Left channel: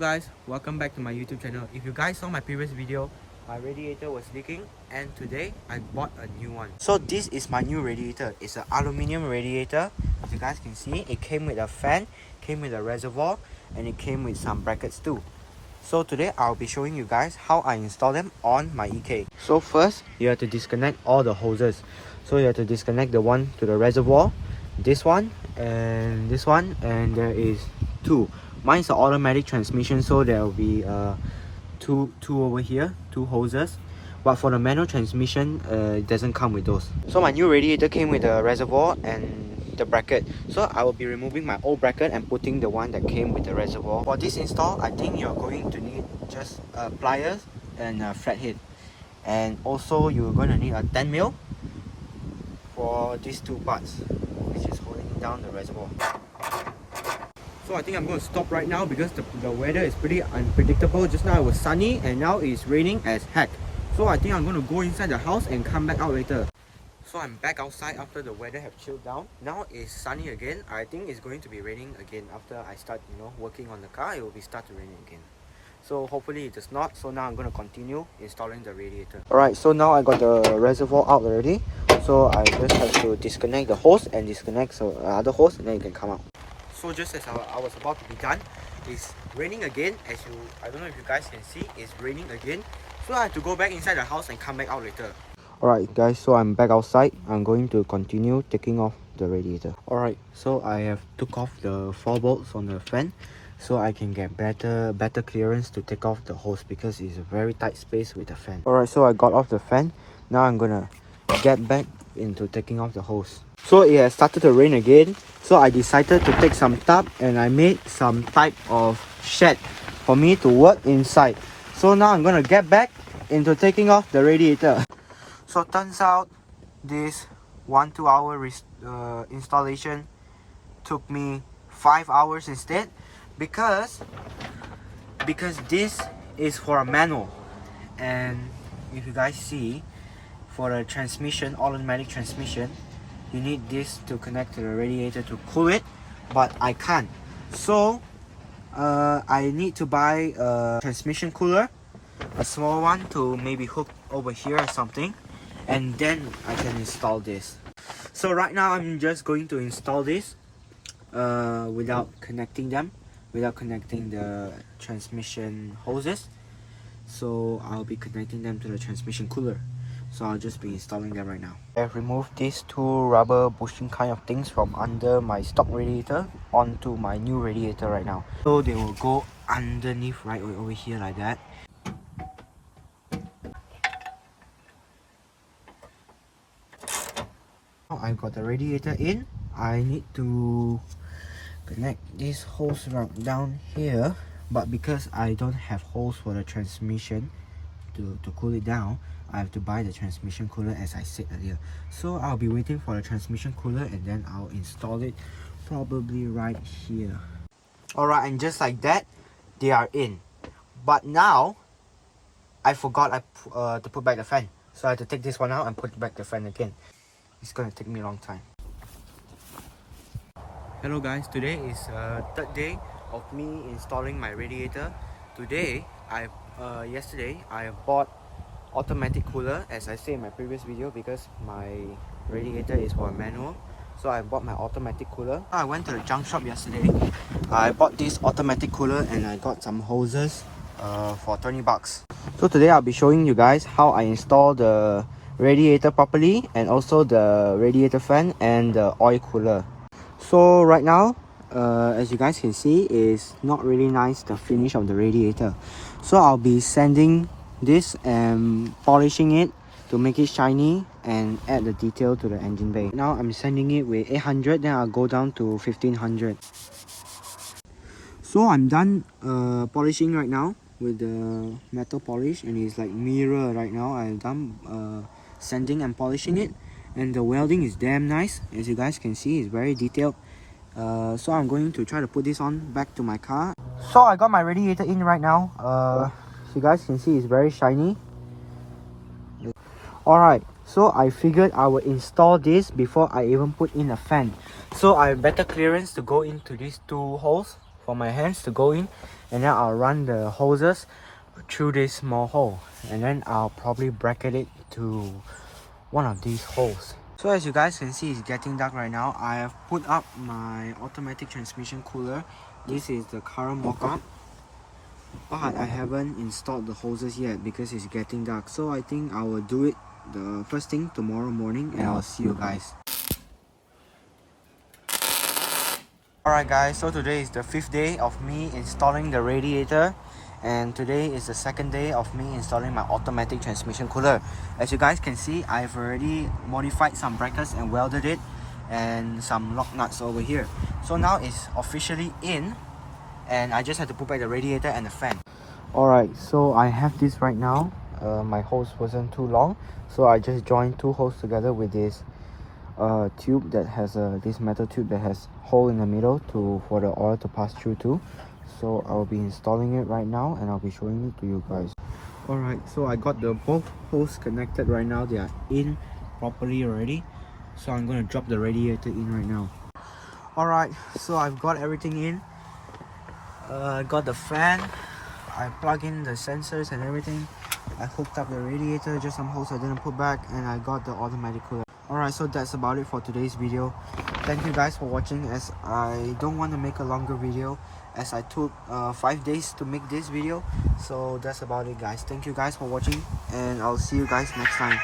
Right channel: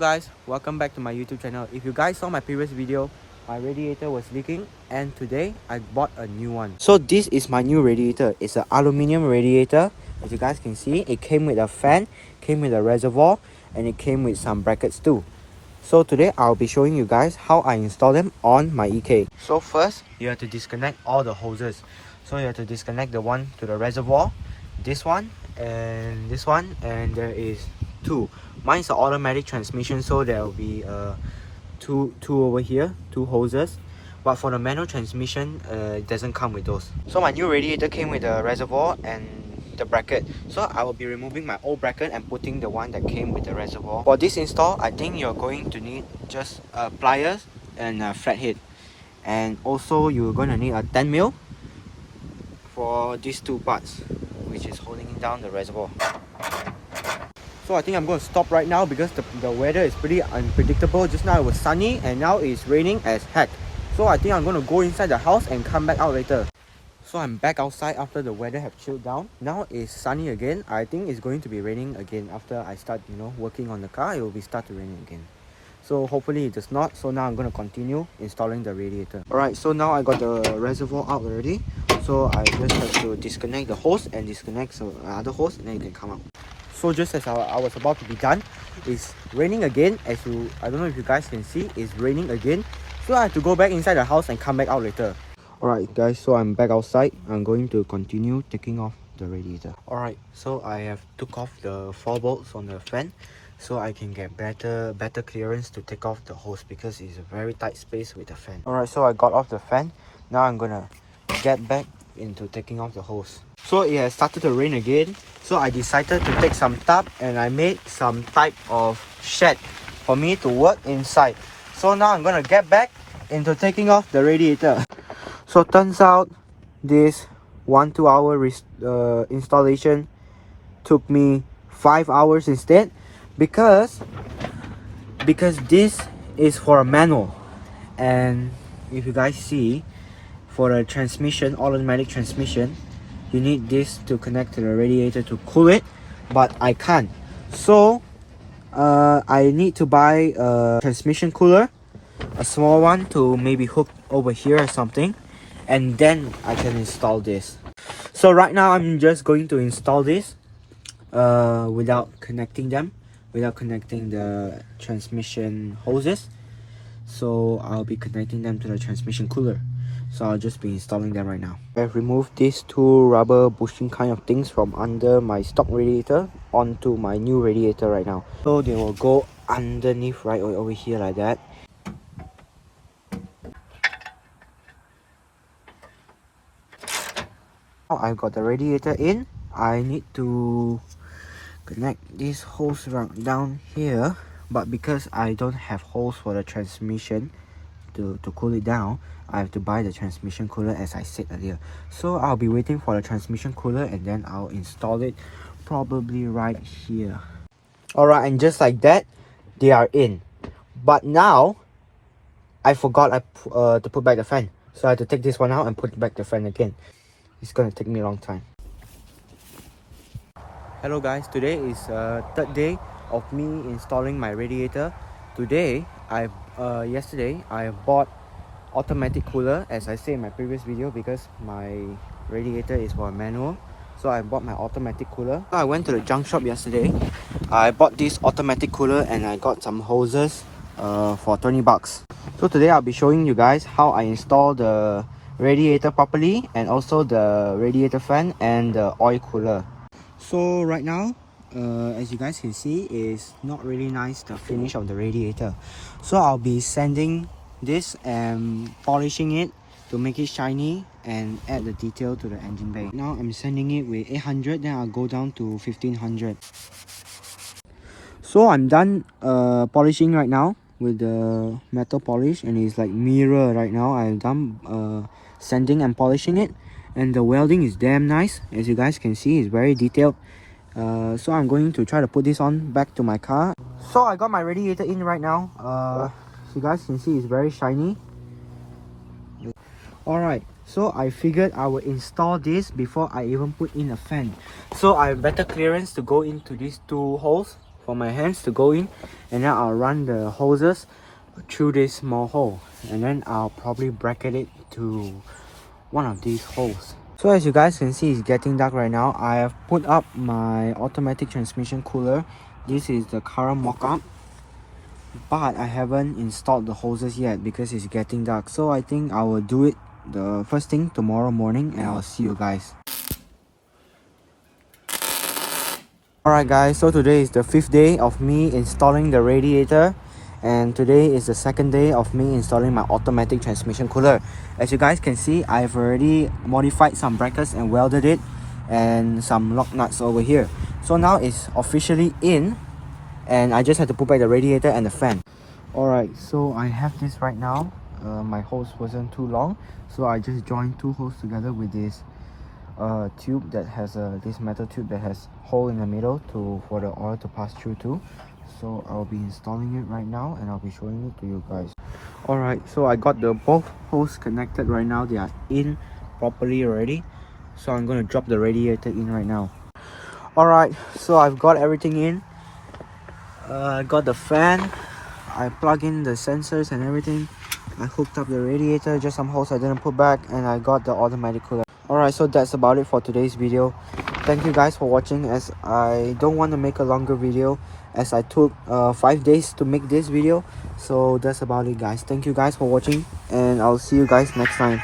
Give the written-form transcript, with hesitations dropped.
guys, welcome back to my YouTube channel. If you guys saw my previous video, my radiator was leaking and today I bought a new one. So this is my new radiator. It's an aluminium radiator. As you guys can see, it came with a fan, came with a reservoir, and it came with some brackets too. So today I'll be showing you guys how I install them on my EK. So first, you have to disconnect all the hoses. So you have to disconnect the one to the reservoir, this one, and this one, and there is two. Mine's an automatic transmission, so there will be two over here, two hoses. But for the manual transmission, it doesn't come with those. So my new radiator came with a reservoir and the bracket. So I will be removing my old bracket and putting the one that came with the reservoir. For this install, I think you're going to need just pliers and a flathead. And also you're going to need a 10mm for these two parts, which is holding down the reservoir. So I think I'm going to stop right now because the weather is pretty unpredictable. Just now it was sunny and now it's raining as heck. So I think I'm going to go inside the house and come back out later. So I'm back outside after the weather have chilled down. Now it's sunny again. I think it's going to be raining again after I start, working on the car. It will be start to raining again. So hopefully it does not. So now I'm going to continue installing the radiator. Alright, so now I got the reservoir out already. So I just have to disconnect the hose and disconnect the other hose, and then it can come out. So just as I was about to be done, it's raining again. I don't know if you guys can see, it's raining again. So I have to go back inside the house and come back out later. Alright guys, so I'm back outside. I'm going to continue taking off the radiator. Alright, so I have took off the 4 bolts from the fan, so I can get better clearance to take off the hose because it's a very tight space with the fan. Alright, so I got off the fan. Now I'm gonna get back into taking off the hose. So it has started to rain again, so I decided to take some tarp and I made some type of shed for me to work inside. So now I'm gonna get back into taking off the radiator. So turns out this 1-2 hour installation took me 5 hours instead because this is for a manual, and if you guys see, for a transmission, automatic transmission, you need this to connect to the radiator to cool it, but I can't. So I need to buy a transmission cooler, a small one to maybe hook over here or something, and then I can install this. So right now I'm just going to install this without connecting the transmission hoses. So I'll be connecting them to the transmission cooler. So I'll just be installing them right now. I've removed these two rubber bushing kind of things from under my stock radiator onto my new radiator right now. So they will go underneath right over here like that. Now I've got the radiator in. I need to connect this hose down here, but because I don't have hose for the transmission to cool it down, I have to buy the transmission cooler as I said earlier. So I'll be waiting for the transmission cooler and then I'll install it probably right here. Alright, and just like that, they are in. But now I forgot to put back the fan, so I have to take this one out and put back the fan again. It's gonna take me a long time. Hello guys, today is third day of me installing my radiator. Today yesterday I bought automatic cooler, as I said in my previous video, because my radiator is for a manual. So I bought my automatic cooler. I went to the junk shop yesterday. I bought this automatic cooler and I got some hoses for 20 bucks. So today I'll be showing you guys how I install the radiator properly, and also the radiator fan and the oil cooler. So right now, as you guys can see, is not really nice, the finish of the radiator. So I'll be sanding this and polishing it to make it shiny and add the detail to the engine bay. Now I'm sanding it with 800, then I'll go down to 1500. So I'm done polishing right now with the metal polish, and it's like mirror right now. I'm done sanding and polishing it, and the welding is damn nice. As you guys can see, it's very detailed. So I'm going to try to put this on back to my car. So I got my radiator in right now. So you guys can see it's very shiny. Alright, so I figured I will install this before I even put in a fan. So I have better clearance to go into these two holes for my hands to go in, and then I'll run the hoses through this small hole, and then I'll probably bracket it to one of these holes. So as you guys can see, it's getting dark right now. I have put up my automatic transmission cooler. This is the current mock-up, but I haven't installed the hoses yet because it's getting dark. So I think I will do it the first thing tomorrow morning, and I'll see you guys. Alright guys, so today is the 5th day of me installing the radiator, and today is the 2nd day of me installing my automatic transmission cooler. As you guys can see, I've already modified some brackets and welded it, and some lock nuts over here. So now it's officially in, and I just have to put back the radiator and the fan. Alright, so I have this right now. My hose wasn't too long, so I just joined 2 holes together with this tube that has this metal tube that has hole in the middle for the oil to pass through to. So I'll be installing it right now, and I'll be showing it to you guys. Alright, so I got the both holes connected right now. They are in properly already, so I'm gonna drop the radiator in right now. Alright, so I've got everything in. I got the fan, I plug in the sensors and everything. I hooked up the radiator, just some holes I didn't put back, and I got the automatic cooler. Alright, so that's about it for today's video. Thank you guys for watching, as I don't want to make a longer video, as I took 5 days to make this video. So that's about it guys. Thank you guys for watching, and I'll see you guys next time.